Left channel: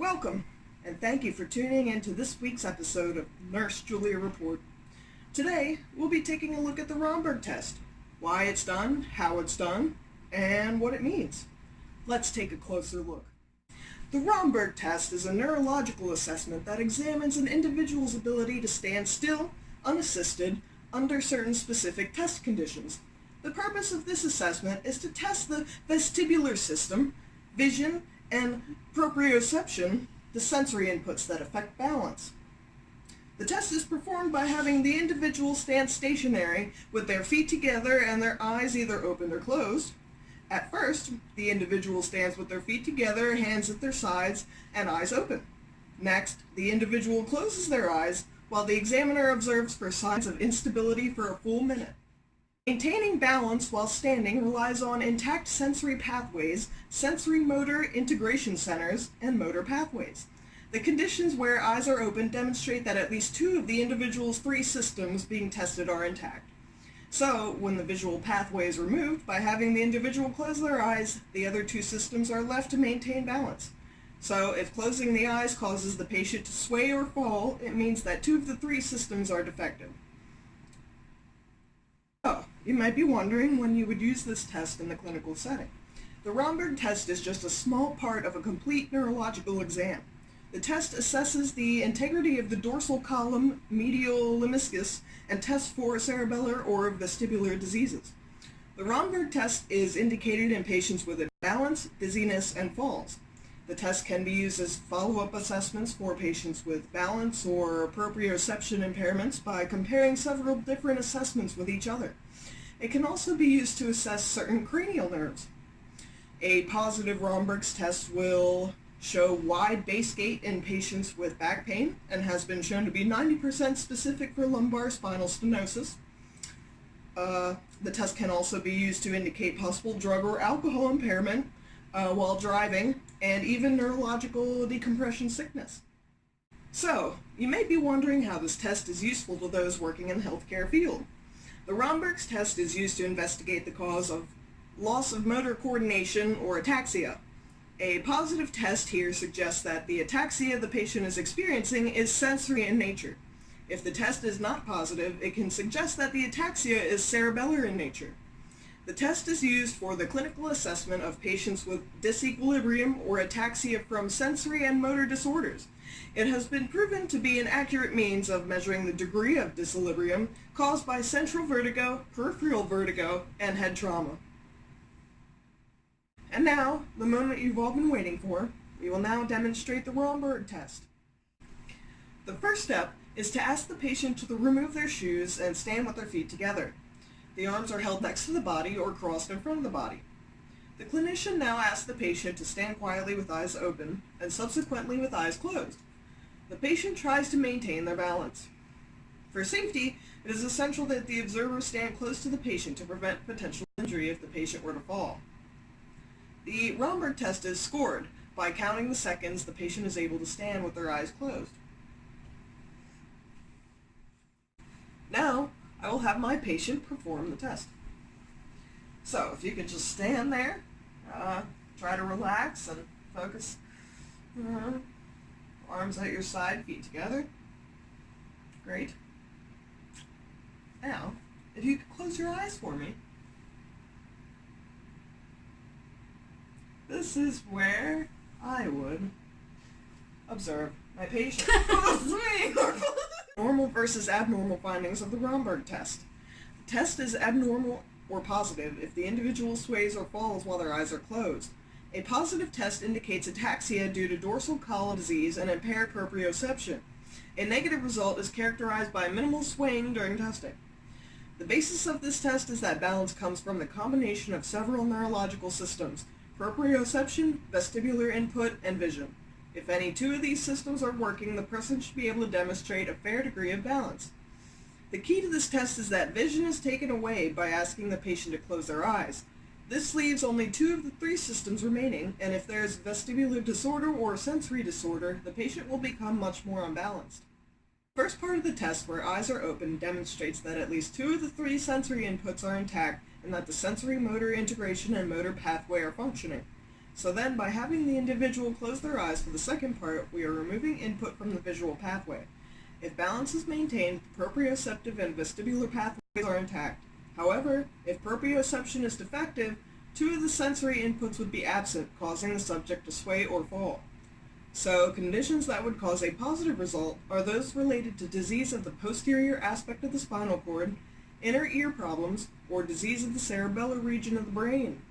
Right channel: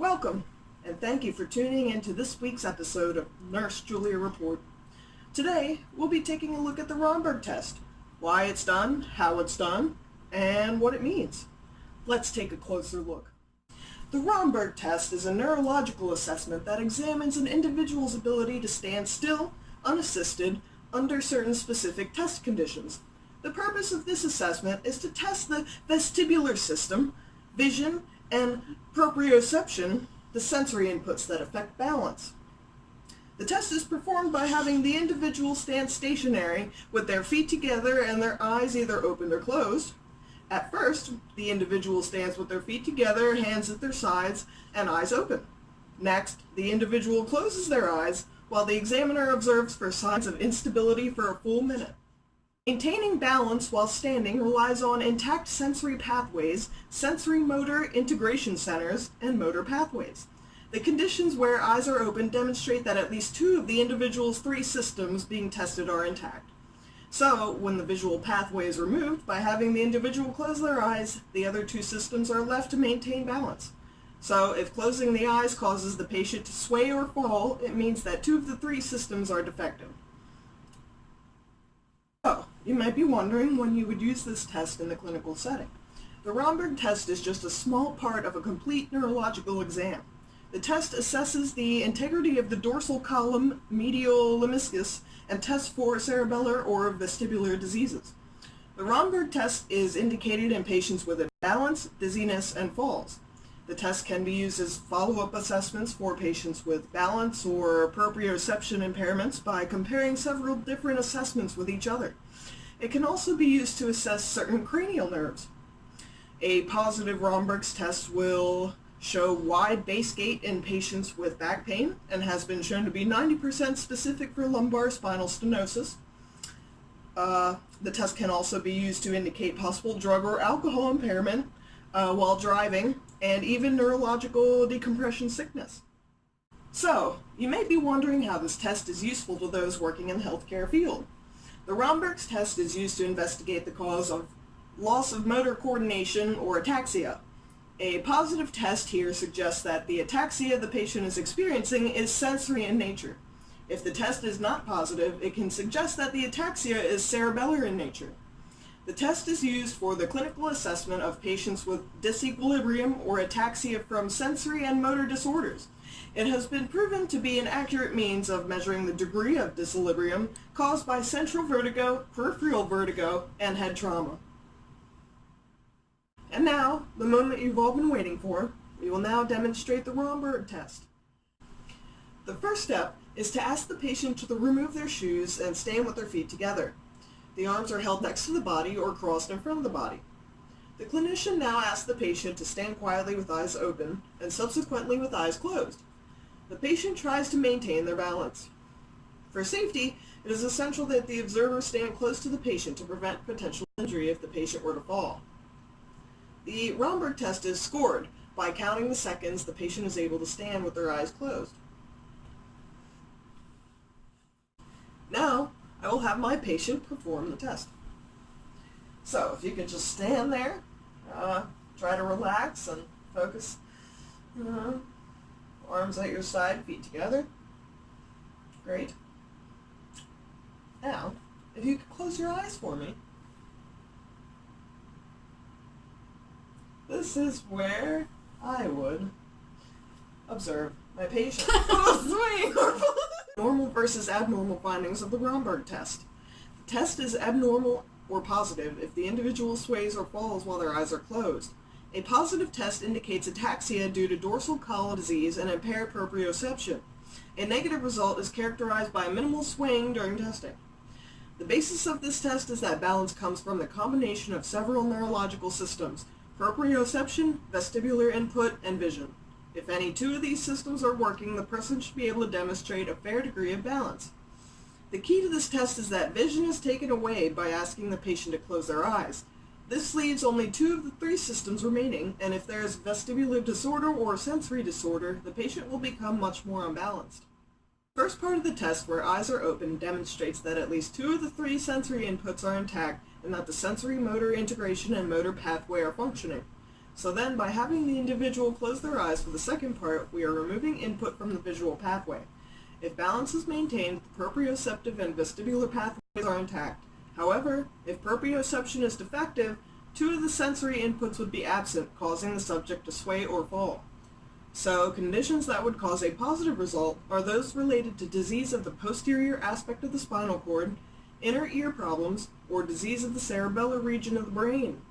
Welcome, and thank you for tuning in to this week's episode of Nurse Julia Report. Today, we'll be taking a look at the Romberg test, why it's done, how it's done, and what it means. Let's take a closer look. The Romberg test is a neurological assessment that examines an individual's ability to stand still, unassisted, under certain specific test conditions. The purpose of this assessment is to test the vestibular system, vision, and proprioception, the sensory inputs that affect balance. The test is performed by having the individual stand stationary with their feet together and their eyes either open or closed. At first, the individual stands with their feet together, hands at their sides, and eyes open. Next, the individual closes their eyes while the examiner observes for signs of instability for a full minute. Maintaining balance while standing relies on intact sensory pathways, sensory motor integration centers, and motor pathways. The conditions where eyes are open demonstrate that at least two of the individual's three systems being tested are intact. So, when the visual pathway is removed, by having the individual close their eyes, the other two systems are left to maintain balance. So, if closing the eyes causes the patient to sway or fall, it means that two of the three systems are defective. So, you might be wondering when you would use this test in the clinical setting. The Romberg test is just a small part of a complete neurological exam. The test assesses the integrity of the dorsal column, medial lemniscus, and tests for cerebellar or vestibular diseases. The Romberg test is indicated in patients with imbalance, dizziness, and falls. The test can be used as follow-up assessments for patients with balance or proprioception impairments by comparing several different assessments with each other. It can also be used to assess certain cranial nerves. A positive Romberg's test will show wide base gait in patients with back pain and has been shown to be 90% specific for lumbar spinal stenosis. The test can also be used to indicate possible drug or alcohol impairment while driving, and even neurological decompression sickness. So, you may be wondering how this test is useful to those working in the healthcare field. The Romberg's test is used to investigate the cause of loss of motor coordination or ataxia. A positive test here suggests that the ataxia the patient is experiencing is sensory in nature. If the test is not positive, it can suggest that the ataxia is cerebellar in nature. The test is used for the clinical assessment of patients with disequilibrium or ataxia from sensory and motor disorders. It has been proven to be an accurate means of measuring the degree of disequilibrium caused by central vertigo, peripheral vertigo, and head trauma. And now, the moment you've all been waiting for, we will now demonstrate the Romberg test. The first step is to ask the patient to remove their shoes and stand with their feet together. The arms are held next to the body or crossed in front of the body. The clinician now asks the patient to stand quietly with eyes open and subsequently with eyes closed. The patient tries to maintain their balance. For safety, it is essential that the observer stand close to the patient to prevent potential injury if the patient were to fall. The Romberg test is scored by counting the seconds the patient is able to stand with their eyes closed. Now, I will have my patient perform the test. So, if you could just stand there, try to relax and focus. Arms at your side, feet together. Great. Now, if you could close your eyes for me. This is where I would observe my patient. Normal versus abnormal findings of the Romberg test. The test is abnormal or positive if the individual sways or falls while their eyes are closed. A positive test indicates ataxia due to dorsal column disease and impaired proprioception. A negative result is characterized by minimal swaying during testing. The basis of this test is that balance comes from the combination of several neurological systems: proprioception, vestibular input, and vision. If any two of these systems are working, the person should be able to demonstrate a fair degree of balance. The key to this test is that vision is taken away by asking the patient to close their eyes. This leaves only two of the three systems remaining, and if there is vestibular disorder or sensory disorder, the patient will become much more unbalanced. The first part of the test, where eyes are open, demonstrates that at least two of the three sensory inputs are intact and that the sensory motor integration and motor pathway are functioning. So then, by having the individual close their eyes for the second part, we are removing input from the visual pathway. If balance is maintained, the proprioceptive and vestibular pathways are intact. However, if proprioception is defective, two of the sensory inputs would be absent, causing the subject to sway or fall. So, conditions that would cause a positive result are those related to disease of the posterior aspect of the spinal cord, inner ear problems, or disease of the cerebellar region of the brain.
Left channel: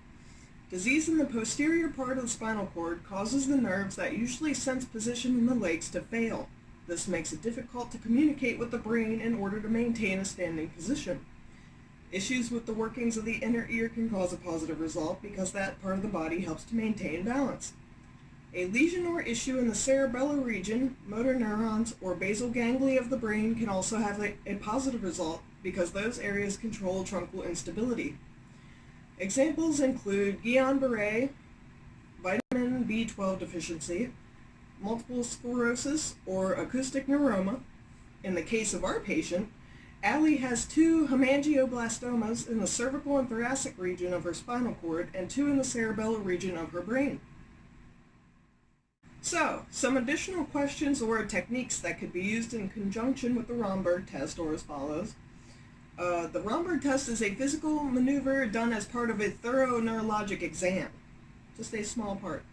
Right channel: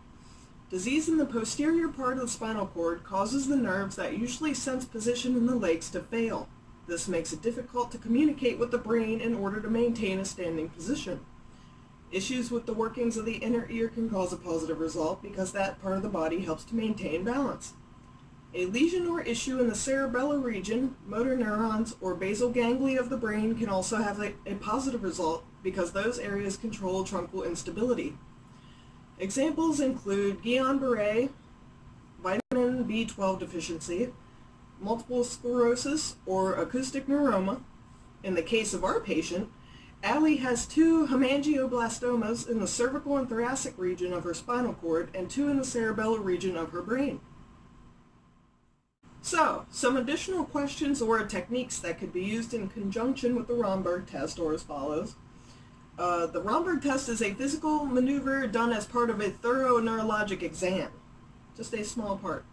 Disease in the posterior part of the spinal cord causes the nerves that usually sense position in the legs to fail. This makes it difficult to communicate with the brain in order to maintain a standing position. Issues with the workings of the inner ear can cause a positive result because that part of the body helps to maintain balance. A lesion or issue in the cerebellar region, motor neurons, or basal ganglia of the brain can also have a positive result because those areas control truncal instability. Examples include Guillain-Barré, vitamin B12 deficiency, multiple sclerosis, or acoustic neuroma. In the case of our patient, Allie has 2 hemangioblastomas in the cervical and thoracic region of her spinal cord and 2 in the cerebellar region of her brain. So, some additional questions or techniques that could be used in conjunction with the Romberg test are as follows. The Romberg test is a physical maneuver done as part of a thorough neurologic exam. Just a small part.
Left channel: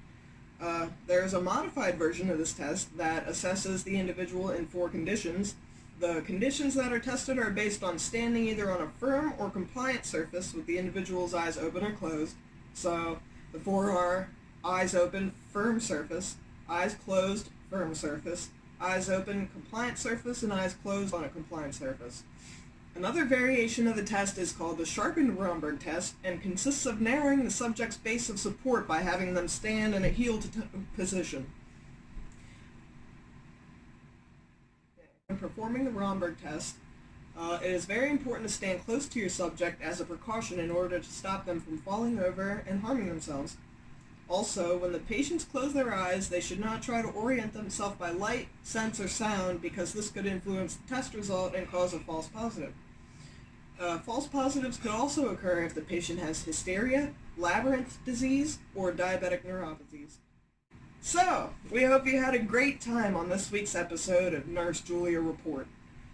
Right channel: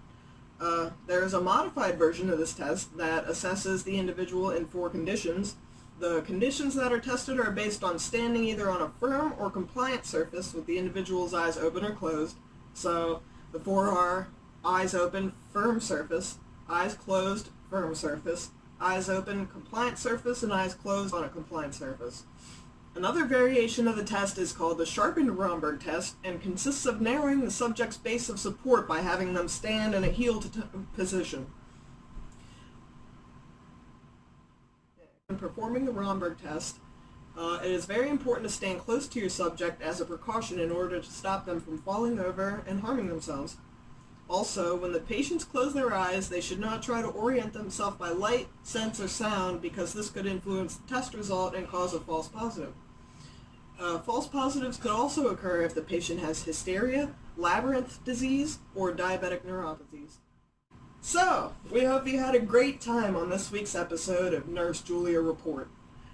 There is a modified version of this test that assesses the individual in 4 conditions. The conditions that are tested are based on standing either on a firm or compliant surface with the individual's eyes open or closed. So the 4 are eyes open, firm surface, eyes closed, firm surface, eyes open, compliant surface, and eyes closed on a compliant surface. Another variation of the test is called the sharpened Romberg test and consists of narrowing the subject's base of support by having them stand in a heel position. When performing the Romberg test, it is very important to stand close to your subject as a precaution in order to stop them from falling over and harming themselves. Also, when the patients close their eyes, they should not try to orient themselves by light, sense, or sound because this could influence the test result and cause a false positive. False positives could also occur if the patient has hysteria, labyrinth disease, or diabetic neuropathies. So, we hope you had a great time on this week's episode of Nurse Julia Report.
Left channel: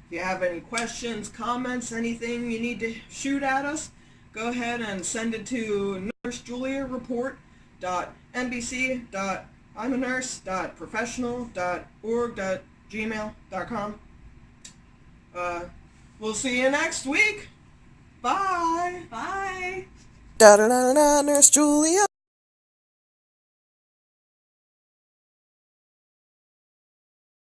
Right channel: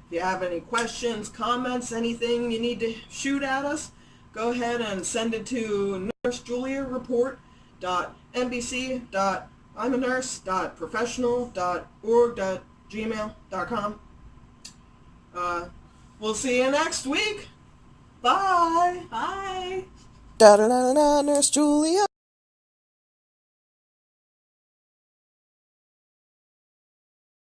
If you have any questions, comments, anything you need to shoot at us, go ahead and send it to nursejuliareport.imanurse.professional.org.gmail.com. We'll see you next week. Bye. Bye. Da da da da, Nurse Julia.